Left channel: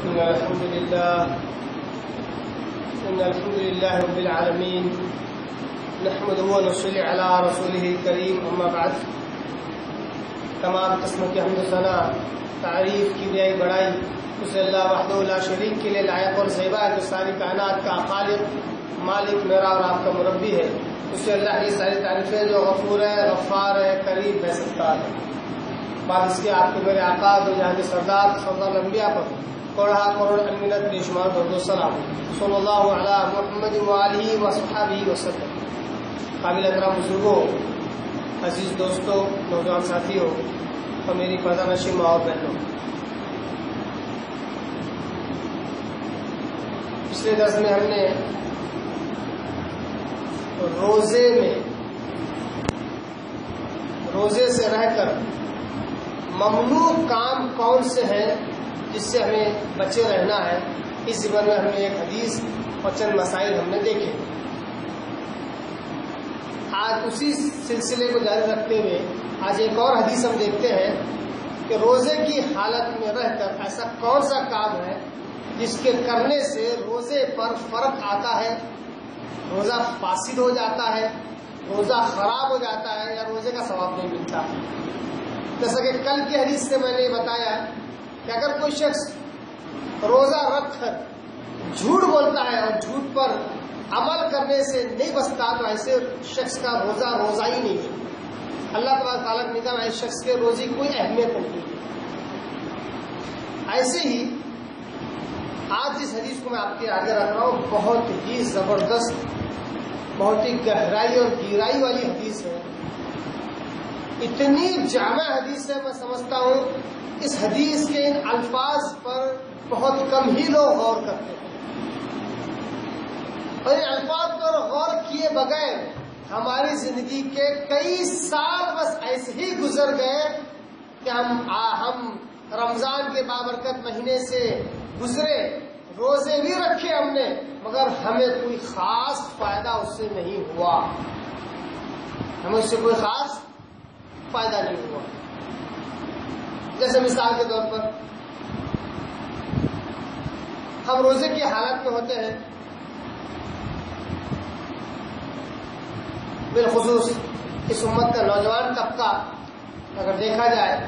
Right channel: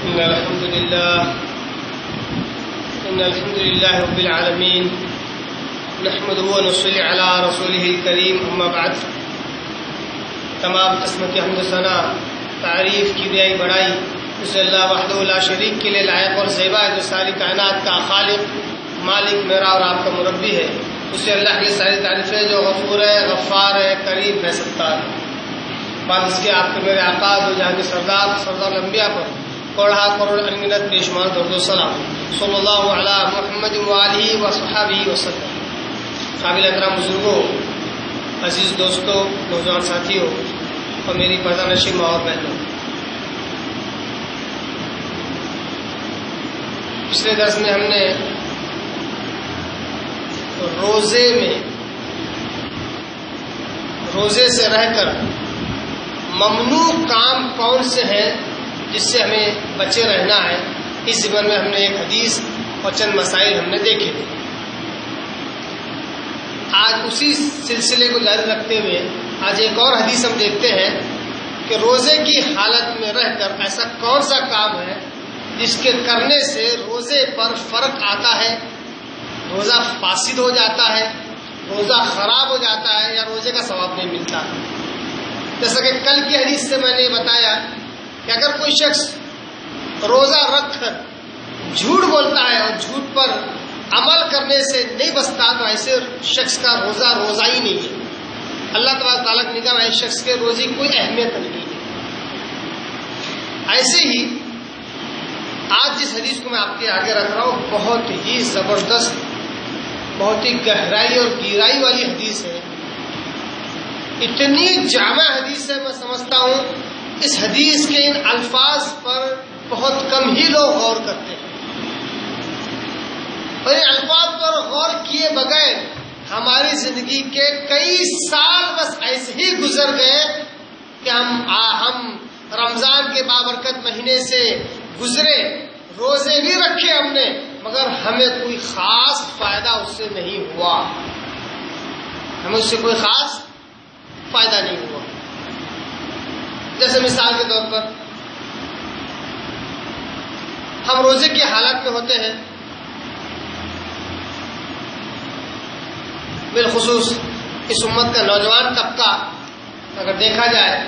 إن الحمد لله رب العالمين نحمده ونصلي على رسوله الكريم اما بعد. تمام قسم کی حمد و ثنا تعریف کی بیائی بڑائی اس اللہ وحدہ لا شریک کے لیے لائق اور زیبا ہے، جو ساری کائنات کا خالق مالک میرا اور آپ کا مربی ہے. اسے اللہ کی ساری تعریفیں جو غفور ہے، غفار ہے، کریم ہے، ستار ہے. بعد اس کے آپ کے میرے آقا دو جہاں کے سردار الانبیاء پر کوڑا کروڑ انگنت بے شمار درود و سلام صلی اللہ علی محمد وآلہ وصحبہ وسلم. قابل احترام بزرگوں، عزیز دوستوں، نوجوان ساتھیوں اور میری پردہ نشین ماں اور بہنوں، پچھلے درس میں ہم نے روزے سے رہ کر ممنوع کام کون سے ہیں جس سے ہمیں بچے رہنا ہے، اس ضمن میں ہم نے ایک حدیث اور چند مسائل ہم نے دیکھے. آج اسی سلسلے کو جاری رکھتے ہوئے آج ایک اور حدیث ہم دیکھتے ہیں کہ روزے کی حالت میں رہ کر ایسا کون سا کام ہے جس کے کرنے سے روزے پر فرق آتا ہے، روزہ فاسد ہو جاتا ہے، روزہ خراب ہو جاتا ہے یا روزے کا ثواب نہیں ملتا. جیسا کہ کل کی حدیث سے میں نے بتایا کہ اگر کوئی شخص روزہ رکھ کر جھوٹ بولتا ہے اور جھوٹ پر عمل کرنے سے نہیں بچتا تو ایسے شخص کا روزہ ہی نہیں ہے. اللہ تبارک تعالیٰ کی نگاہ میں اس شخص کے روزے کی کوئی اہمیت نہیں ہے. ایسے ہی آج جس حدیث کو میں آپ کے آگے رکھ رہا ہوں بہت ہی زبردست، بہت ہی گہرائی اور گہرائی والی حدیث ہے. اتنی جامع حدیث ہے، میں سمجھتا ہوں اس حدیث کے ان الفاظ پر بہت کم ہی لوگ غور کرتے ہیں، اور ان الفاظ پر غور کیے بغیر ہماری زندگی کے کئی سال بس ایسے ہی گزر گئے کہ ہم رمضان کے بابرکت مہینے سے گزرے، روزے بھی رکھے ہم نے، مگر ہمیں کوئی خاص فائدہ اس سے نہیں ہوا، ہمیں اس سے کوئی خاص فائدہ نہیں ہوا. جیسے مثال کے طور پر ہم روزے کی حالت میں ہوتے ہیں، بالخصوص اس امت کا نوجوان طبقہ اگر دیکھا جائے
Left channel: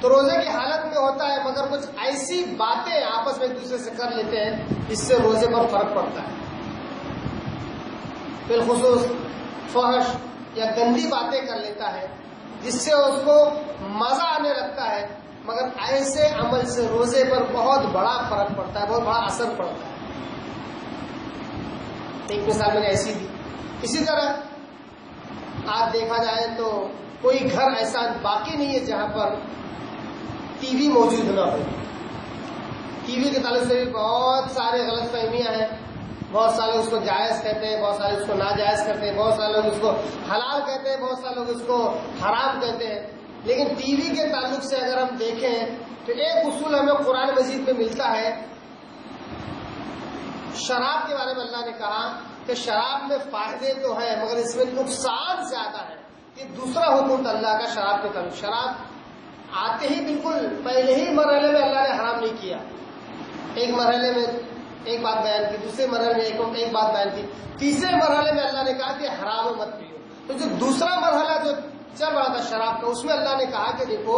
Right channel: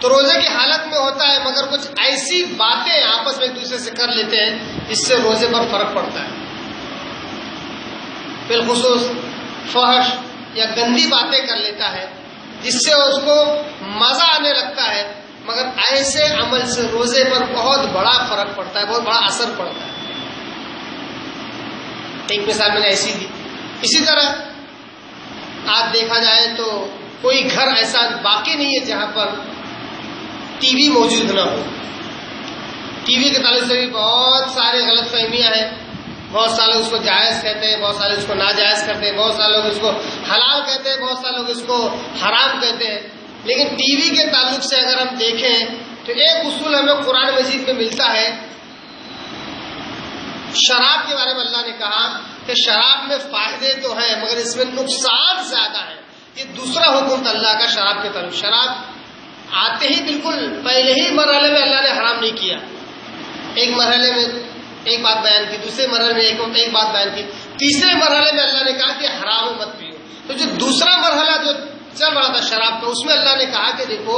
تو روزے کی حالت میں ہوتا ہے، مگر کچھ ایسی باتیں آپس میں ایک دوسرے سے کر لیتے ہیں جس سے روزے پر فرق پڑتا ہے. بالخصوص فحش یا گندی باتیں کر لیتا ہے جس سے اس کو مزہ آنے لگتا ہے، مگر ایسے عمل سے روزے پر بہت بڑا فرق پڑتا ہے، بہت بڑا اثر پڑتا ہے. ایک مثال میں نے ایسی دی. اسی طرح آج دیکھا جائے تو کوئی گھر ایسا باقی نہیں ہے جہاں پر ٹی وی موجود نہ ہو. ٹی وی کے تعلق سے بھی بہت سارے غلط فہمیاں ہیں. بہت سارے لوگ اس کو جائز کہتے ہیں، بہت سارے اس کو ناجائز کرتے ہیں، بہت سارے لوگ اس کو حلال کہتے ہیں، بہت سارے لوگ اس کو حرام کہتے ہیں. لیکن ٹی وی کے تعلق سے اگر ہم دیکھیں تو ایک اصول ہمیں قرآن مجید میں ملتا ہے. شراب کے بارے میں اللہ نے کہا کہ شراب میں فائدے تو ہیں مگر اس میں نقصان زیادہ ہے. یہ دوسرا حکم تھا اللہ کا شراب کے تعلق. شراب آتے ہی بالکل پہلے ہی مرحلے میں اللہ نے حرام نہیں کیا. ایک مرحلے میں ایک بات بیان کی، دوسرے مرحلے میں ایک بات بیان کی، تیسرے مرحلے میں اللہ نے کہا کہ حرام مت پیو. تو جو دوسرا مرحلہ جو چل رہا تھا شراب کا، اس میں اللہ نے کہا کہ دیکھو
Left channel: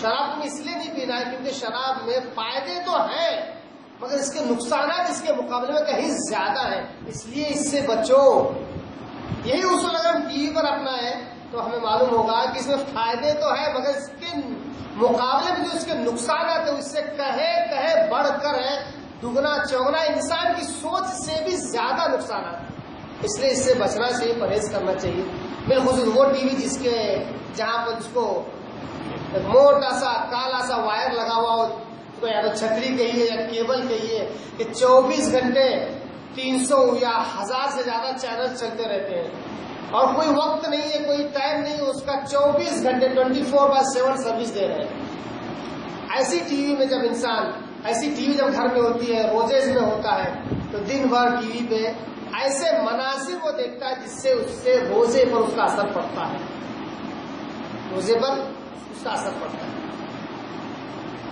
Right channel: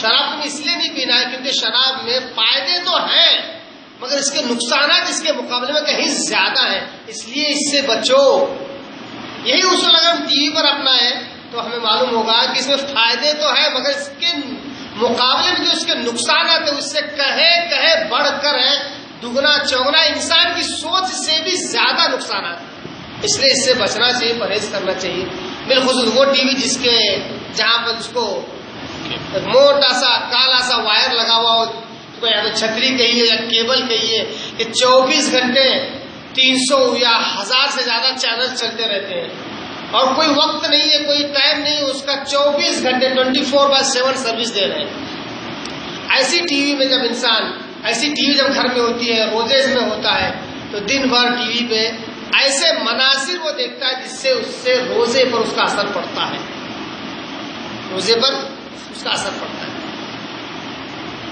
شراب تمہیں اس لیے نہیں پینا ہے کیونکہ شراب میں فائدے تو ہیں مگر اس کے نقصانات اس کے مقابلے میں کہیں زیادہ ہیں، اس لیے اس سے بچو. یہی اصول اگر ہم ٹی وی پر اپنائیں تو ہمیں معلوم ہوگا کہ اس میں فائدے تو ہیں مگر اس کے مقابلے میں جو اس کے نقصانات ہیں اس سے کہیں بڑھ کر ہیں، دگنا چوگنا، انسان کی سوچ سے بھی زیادہ نقصانات ہیں. اس لیے اس سے بچنا چاہیے، پرہیز کرنا چاہیے. بالخصوص وہ ٹی وی جہاں پر اس کو موٹا سا کالا سا وائر لگا ہوا ہو، اس کو یا تو چھتری کہیے یا کیبل کہیے، کہ 24 گھنٹے 300 یا 1000 سے زیادہ چینل چلتے رہتے ہیں اور کوئی وقت نہیں ہے، کوئی ٹائم نہیں ہے، اس کا 24 گھنٹے 24/7 سروس دے رہے ہیں. ایسی ٹی وی میں جب گھر میں ہوتی ہے، روزے میں ہوتا ہے تو دن بھر ٹی وی پہ ایسے مناظر وہ دیکھتا ہے جس سے اس سے روزے پر اس کا اثر پڑتا ہے، روزے پر اس کا اثر پڑتا ہے.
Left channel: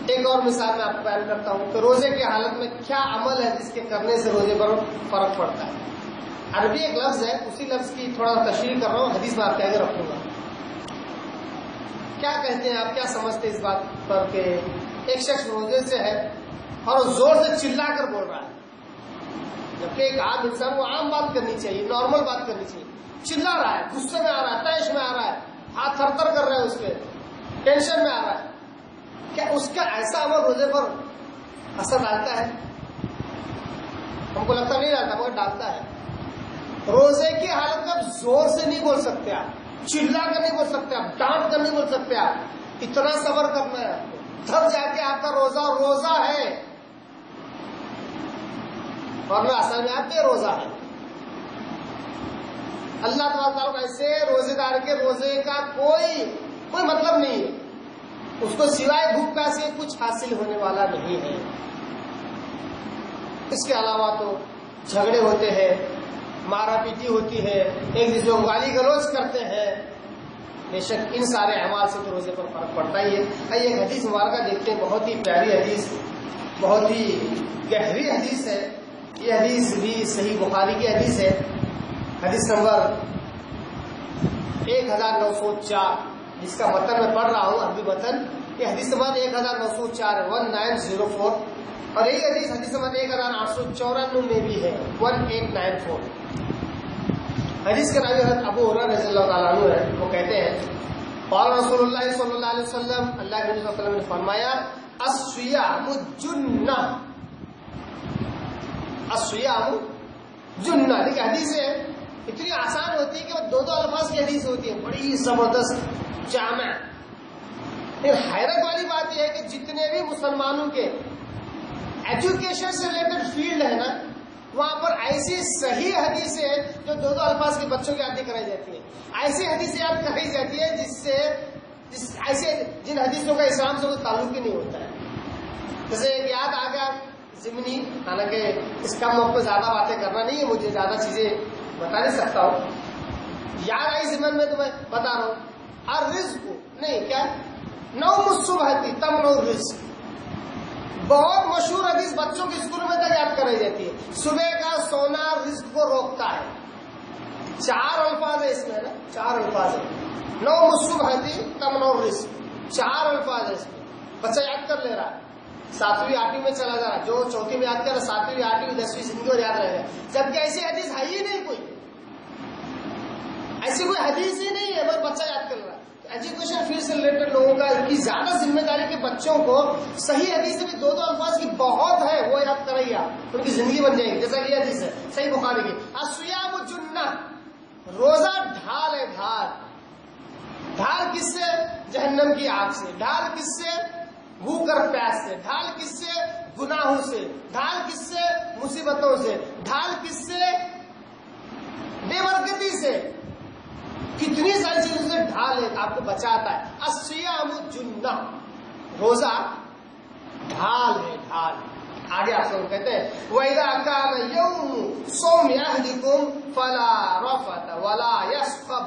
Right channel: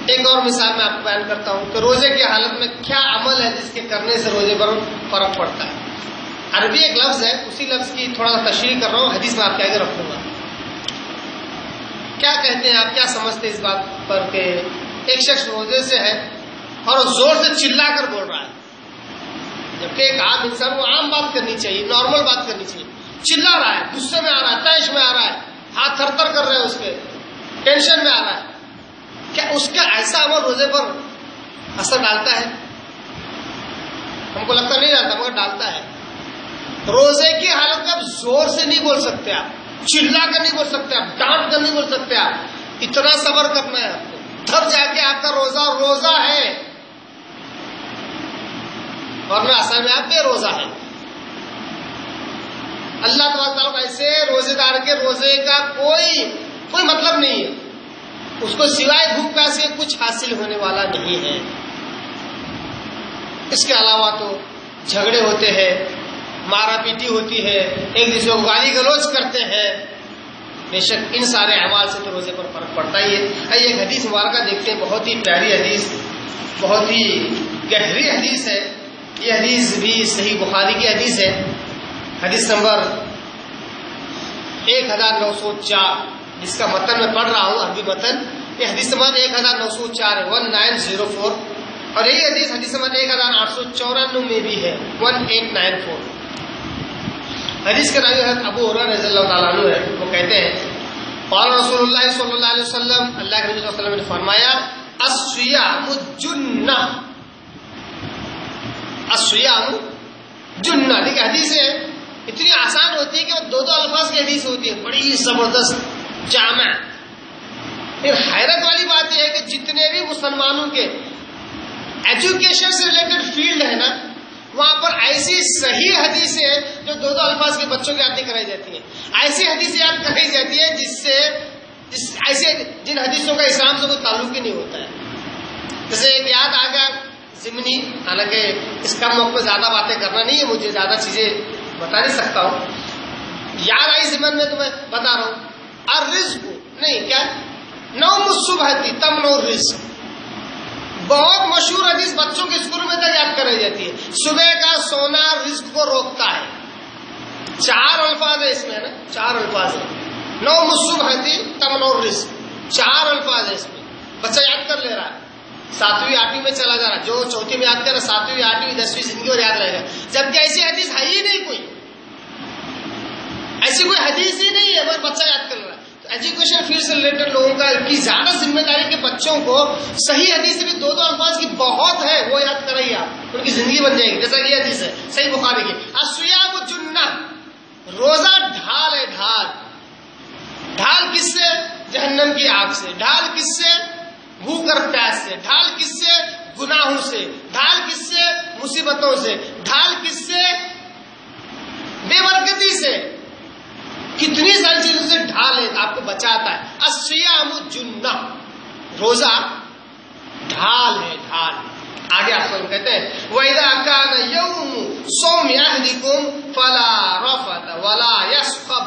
ایک اور مثال میں آپ کو بیان کرتا ہوں کہ روزے کی حالت میں کیا عمل ہے جس کے کرنے سے روزے پر فرق پڑتا ہے. عربی ایک لفظ ہے، اسی لفظ کی تھوڑا سا تشریح کر رہا ہوں، حدیث میں آپ کے آگے رکھوں گا. کیا کہتے ہیں آپ، کیا سمجھتے ہیں اس بات پر کہ ایک شخص روزے سے ہے اور زور سے چلا کر بول رہا ہے، جبکہ ایک عام انسان کو عام بات کرنی چاہیے، نارمل بات کرنی چاہیے. چلا رہا ہے، غصے میں آ رہا ہے، طیش میں آ رہا ہے، ہاتھ تھر تھر کر رہے ہیں، اس کے ٹینشن میں آ رہا ہے. کیا اس کا ایسا عمل روزے پر اثر ڈالتا ہے؟ ہم کو لگتا نہیں ڈالتا، مگر ڈالتا ہے. روزے کی حالت میں آپ زور سے نہیں بول سکتے، آپ چلا کر نہیں بول سکتے، آپ ڈانٹ کر نہیں بول سکتے. آپ اتنا صبر کرنا ہے آپ کو، تب جا کے آپ کا روزہ ہے، ورنہ اصل میں آپ بے روزہ ہے. اللہ تبارک تعالیٰ کو ایسے روزے دار کے روزے کا کوئی مطلب نہیں ہے، اس کو سوائے بھوک پیاس کے کچھ حاصل ہونے والا نہیں ہے. اس کے علاوہ تو جھگڑے ہوتے ہیں، مارا پیٹی ہوتی ہے، ایک دوسرے کو گالی گلوچ کرتے ہیں. بے شک ان سارے اعمال سے تو روزے پر فرق پڑتا ہی ہے. آئیے ایک حدیث مبارکہ دیکھتے ہیں، بہت ہی پیاری حدیث، بہت ہی گہری حدیث ہے. یہ حدیث بھی صحیح بخاری کی حدیث ہے، حدیث نمبر 1904، جس کا متن میں پڑھ رہا ہوں، عربی متن. یہ حدیث نمبر 1904 ہے، 1904. اور یہی حدیث نمبر 1894 میں بھی ہے، 1894. حدیث کے راوی حضرت ابو ہریرہ رضی اللہ تعالیٰ عنہ ہے. وہ کہتے ہیں قال رسول اللہ صلی اللہ علیہ وسلم، اللہ کے نبی صلی اللہ علیہ وسلم نے فرمایا الصیام جنہ، الصیام جنہ. دیکھیں حدیث ہے اتنی آسان ہوتی ہے کہ وہ دو الفاظ کی حدیث ہوتی ہے، بڑی زبردست جامع. حیرت والی بات یہ ہے کہ جتنے بھی مسلمانوں کے ایجوکیشن سے ریلیٹڈ فیلڈ ہے نا، وہاں پر ایسی صحیح حدیثیں ہیں جو دو الفاظ کے بچوں کی یاد نہیں کرائی جاتی ہیں. ایسی حدیثیں یاد کرائی جاتی ہے ایسے جن حدیثوں کا اسلام سے کوئی تعلق ہی نہیں ہوتا ہے. جیسے ایک یاد آ گیا ضمنی، حالانکہ اس کم وقت پہ زیادہ باتیں کرنا نہیں ہے، مجھے زیادہ چیزیں بتا نہیں سکتا ہوں. یاد آئی ضمن میں تمہیں بتا رہا ہوں. الرزق نہیں کیا، نوم الصبح تمنع الرزق، بہت مشہور حدیث، بچوں کے اسکول میں تک یاد کرائی جاتی ہے. صبح کا سونا رزق کو روکتا ہے. 4 الفاظ ہے اس میں، نا 4 الفاظ ہے. نوم الصبح تمنع الرزق، 4 الفاظ ہے اس میں. بچہ یاد کر لے رہا ہے، 7ویں 8ویں میں چلا جا رہا ہے. جو چوتھی میں یاد کر رہا ہے 7ویں 8ویں 10ویں زندگی اور یاد رہے گا. جبکہ ایسی حدیث ہے ہی نہیں، کوئی ایسی کوئی حدیث ہی نہیں ہے، مگر بچہ یاد کر رہا ہے. ایجوکیشن فیلڈ سے ریلیٹڈ لوگوں کا کی زیادہ ذمہ داری کہ بچوں کو صحیح حدیث سے بھی 2 الفاظ کی بہت ہے، وہ یاد کرائیے آپ، ان کی زندگی بن جائے گی. جیسا کہ یہ حدیث ہے صحیح بخاری کی، الصیام جنہ، روزہ ڈھال ہے. ڈھال کس سے؟ جہنم کی آگ سے. ڈھال کس سے؟ بھوک اور پیاس سے. ڈھال کس سے؟ گناہوں سے. ڈھال کس سے؟ مصیبتوں سے. ڈھال کس سے؟ بے برکتی سے. کتنی ساری چیزوں سے ڈھال ہے، آپ کو بچاتا ہے. الصیام جنہ، روزہ ڈھال ہے، ڈھال. آگے آپ سب کہتے ہیں وَإِذَا كَانَ يَوْمُ صَوْمِ أَحَدِكُمْ فَلَا رَفَثَ وَلَا يَصْخَبْ.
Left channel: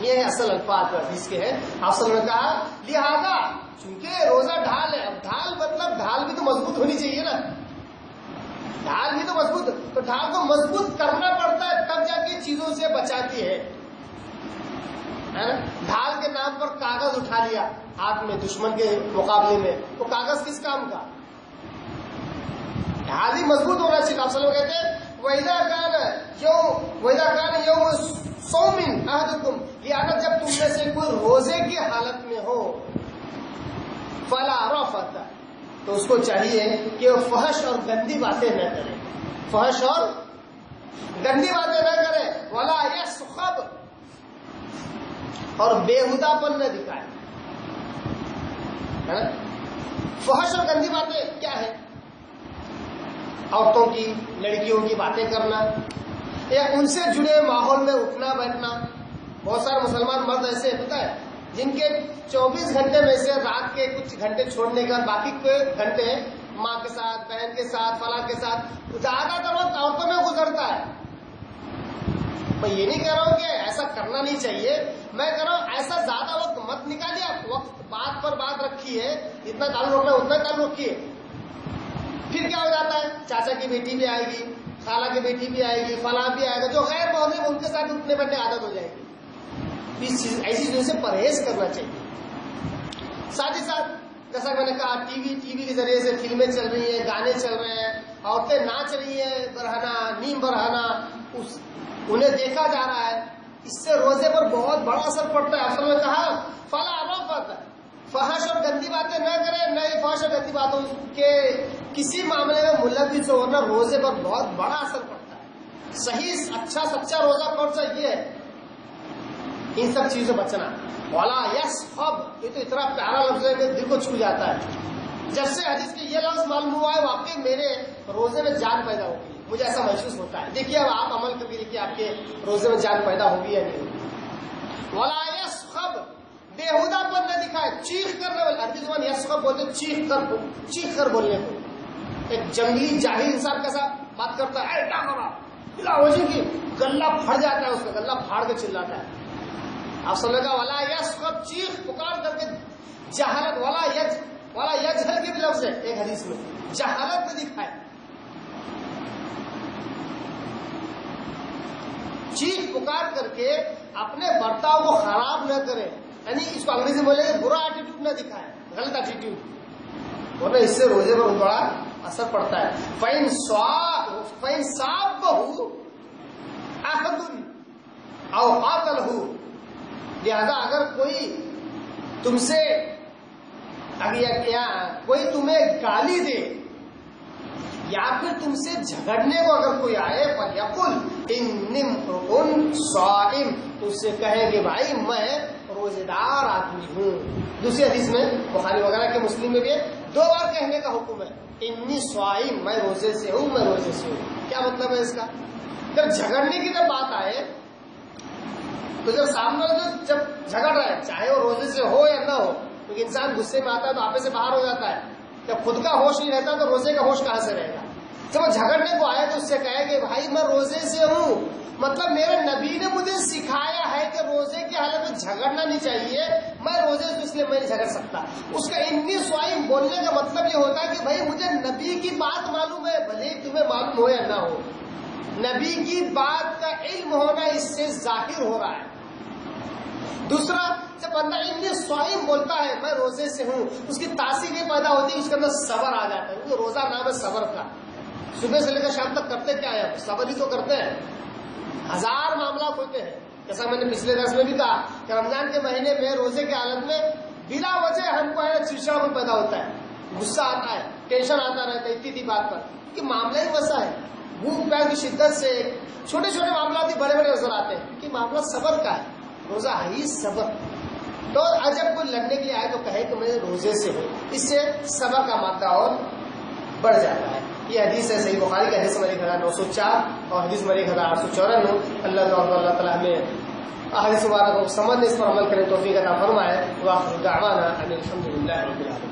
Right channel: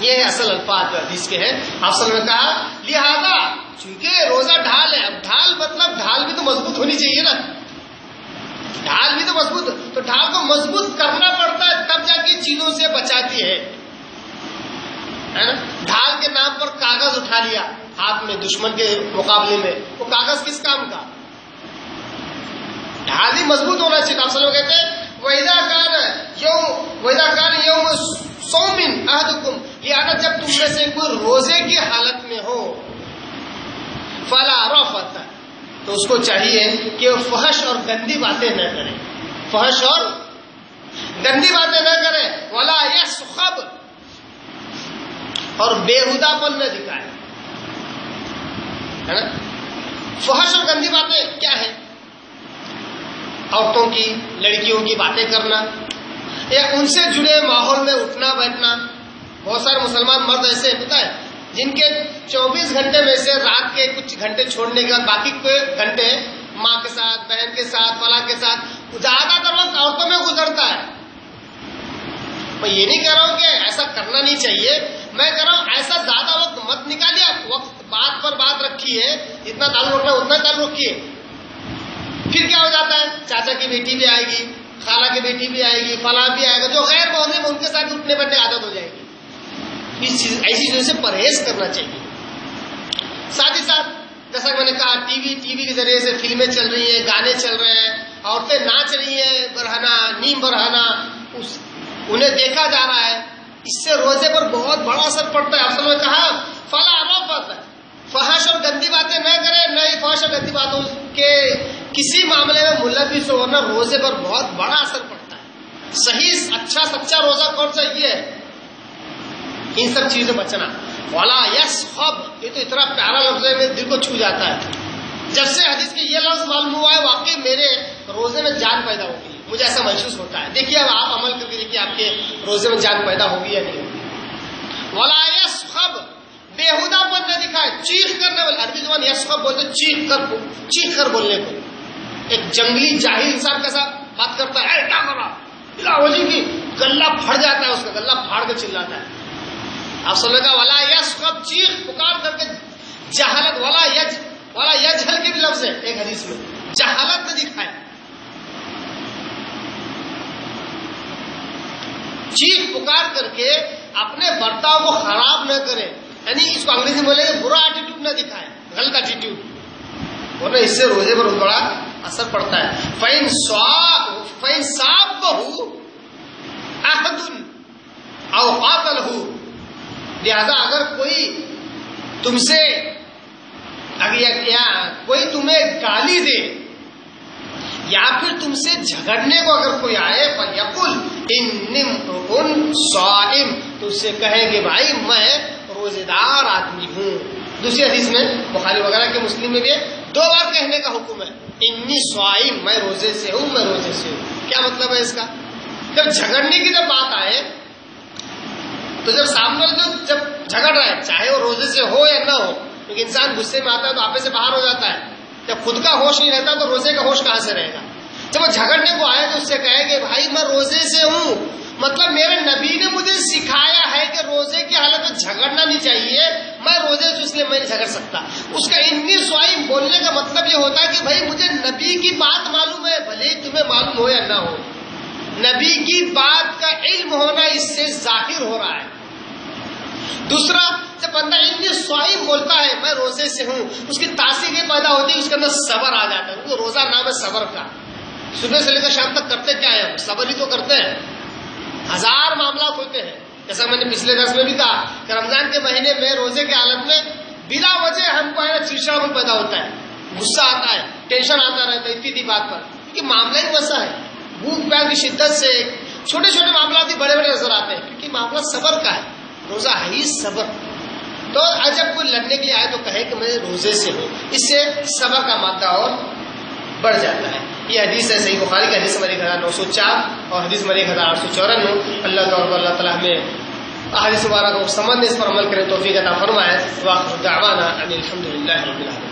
یہ ہے اصل الفاظ جو حدیث کے ہیں. آپ سب نے کہا لہذا چونکہ روزہ ڈھال ہے. اب ڈھال مطلب ڈھال بھی تو مضبوط ہونی چاہیے نا، ڈھال بھی تو مضبوط، تو ڈھال کو مضبوط کرنا پڑتا ہے تب جا کے چیزوں سے بچاتی ہے نا. ڈھال کے نام پر کاغذ اٹھا لیا ہاتھ میں دشمن کے مقابلے میں، وہ کاغذ کس کام کا؟ ڈھال ہی مضبوط ہونا چاہیے. آپ سلام کہتے ہیں وَإِذَا كَانَ يَوْمُ صَوْمٍ أَحَدُكُمْ، لہذا جب تم میں سے کوئی روزے کی حالت میں ہو، فَلَا رَفَثَ، تو اس کو چاہیے کہ وہ فحش اور گندی باتیں نہ کرے. فحش اور گندی باتیں نہ کرے. وَلَا يَصْخَبْ، اور بےہودہ پن نہ دکھائے، ہے نا. فحش اور گندی باتیں کیا ہے؟ عورتوں کی، لڑکیوں کی باتیں کرنا، یا ان سے جڑے ماحول میں اٹھنا بیٹھنا. بہت سارے مسلمان مرد ایسے پتہ ہے جن کے 24 گھنٹے میں سے رات کے کچھ گھنٹے چھوڑنے کے بعد باقی کوئی گھنٹے ماں کے ساتھ، بہن کے ساتھ، فلاں کے ساتھ، زیادہ تر وقت عورتوں میں گزرتا ہے. میں یہ نہیں کہہ رہا ہوں کہ ایسا کرنا نہیں چاہیے، میں کہہ رہا ہوں ایسا زیادہ وقت مت نکالیے، آپ وقت بات پر بات رکھیے، اتنا تعلق رکھنا اتنا تعلق رکھیے. پھر کیا ہو جاتا ہے، چاچا کی بیٹی بھی آئے گی، خالہ کی بیٹی بھی آئے گی، فلاں بھی آئے گا، جو غیر محرم ان کے ساتھ اٹھنے بیٹھنے عادت ہو جائے گی. ایسی چیزوں سے پرہیز کرنا چاہیے. ساتھ ہی ساتھ جیسا کہ میں نے کہا ٹی وی کے ذریعے سے فلمیں چل رہی ہیں، گانے چل رہے ہیں، عورتیں ناچ رہی ہیں برہنہ نیم برہنہ، انہیں دیکھا جا رہا ہے، اس سے روزے پر بہت بڑا اثر پڑتا ہے. اصل میں کہا فلا رفث، فحش اور گندی باتیں نہ کریں، نہ ہی فحش اور گندی باتوں کے کسی معاملے میں ملوث ہو، ورنہ روزے پر بہت بڑا اثر پڑتا ہے. صحیح اچھا سچا روزہ کون سا، یہ ہے ان سب چیزوں سے بچنا. ولا یسخب، یہ تو اتنا پیارا لفظ ہے، میرے دل کو چھو جاتا ہے. جب سے حدیث کے یہ لفظ معلوم ہوا ہے واقعی میرے روزے میں جان پیدا ہوگی، مجھے ایسا محسوس ہوتا ہے. دیکھیے اب آپ عمل کر کے دیکھیے آپ کے روزے میں جان پیدا ہوگی یا نہیں ہوگی. ولا یسخب، بےہودہ پر نہ دکھائے، چیخ کرنے والے، عربی زبان یسخب بولتے چیخ کر بولنے کو. ایک جنگلی جاہل انسان کیسا بات کرتا ہے، کیا کر رہا بلا وجہ کی، گلا پھٹ جاتا ہے، اس کا گلا پھاڑ کے چلاتا ہے. آپ سن لگا ولا یسخب، چیخ پکار کر کے جہالت، ولا یجہل کے بھی لفظ ہے ایک حدیث میں، جہالت نہ دکھائے. چیخ پکار کر کے اپنے برتاؤ کو خراب نہ کرے، یعنی اس کو انگریزی میں بولے گا برا ایٹیٹیوڈ نہ دکھائے، غلط ایٹیٹیوڈ، ورنہ اس سے روزے پر بہت بڑا اثر پڑتا ہے. فَإِن صَابَهُ أَحَدٌ أَوْ قَاتَلَهُ، لہذا اگر کوئی تمہیں گالی دے یا پھر تم سے جھگڑنے کو اگر کوئی آئے، فَلْيَقُلْ إِنِّي امْرُؤٌ صَائِمٌ، تو اس سے کہیں کہ بھائی میں روزے دار آدمی ہوں. دوسری حدیث میں بخاری وغیرہ کے مسلم میں بھی 2 بار کہنے کا حکم ہے، انی صائم، میں روزے سے ہوں، میں روزے سے ہوں. کیا مطلب ہے اس کا؟ جب جھگڑنے کی جب بات آئے تو جب سامنے جب جھگڑ رہا ہے، چاہے وہ روزے سے ہو یا نہ ہو، کیونکہ انسان غصے میں آتا ہے تو آپے سے باہر ہو جاتا ہے. جب خود کا ہوش نہیں رہتا تو روزے کا ہوش کہاں سے رہے گا؟ جب وہ جھگڑنے کو آئے تو اس سے کہے کہ بھائی میں روزے سے ہوں، مطلب میرے نبی نے مجھے سکھایا ہے کہ روزے کی حالت میں جھگڑنا نہیں چاہیے، میں روزے سے اس لیے میں نہیں جھگڑ سکتا. اس کا انی صائم بولنے کا مطلب یہ ہوتا ہے کہ بھائی مجھے نبی کی بات معلوم ہے، بھلے تمہیں معلوم ہو یا نہ ہو، نبی کی بات کا علم ہونا اس سے ظاہر ہو رہا ہے. دوسرا، جب بندہ انی صائم بولتا ہے میں روزے سے ہوں، اس کی تاثیر یہ پیدا ہوتی ہے اس کے اندر صبر آ جاتا ہے، کیونکہ روزہ نام ہے صبر کا. صبح سے لے کر شام تک کرتے کیا ہے؟ ہم صبر ہی تو کرتے ہیں. 1000 معاملات ہوتے ہیں، جیسا میں نے پچھلے درس میں بھی کہا کہ رمضان کے مہینے میں روزے کے حالت میں بلا وجہ ہم کو ہے چڑچڑاپن پیدا ہوتا ہے، غصہ آتا ہے، ٹینشن آتا رہتا ہے اتنی بات پر، کیونکہ معاملہ ہی ویسا ہے. بھوک پیاس کی شدت سے چھوٹے چھوٹے معاملات بھی بڑے بڑے نظر آتے ہیں، کیونکہ معاملہ صبر کا ہے. روزہ ہے ہی صبر. تو جب کوئی لڑنے کے لیے آئے تو کہے کہ میں روزے سے ہوں، اس سے صبر کا مادہ اور بڑھ جاتا ہے. یہ حدیث ہے صحیح بخاری کا، حدیث نمبر 1904 اور حدیث نمبر 1894. اللہ تعالیٰ ہمیں احادیث مبارکہ کو سمجھنے، اس پر عمل کرنے توفیق عطا فرمائے. وآخر دعوانا ان الحمد للہ رب العالمین.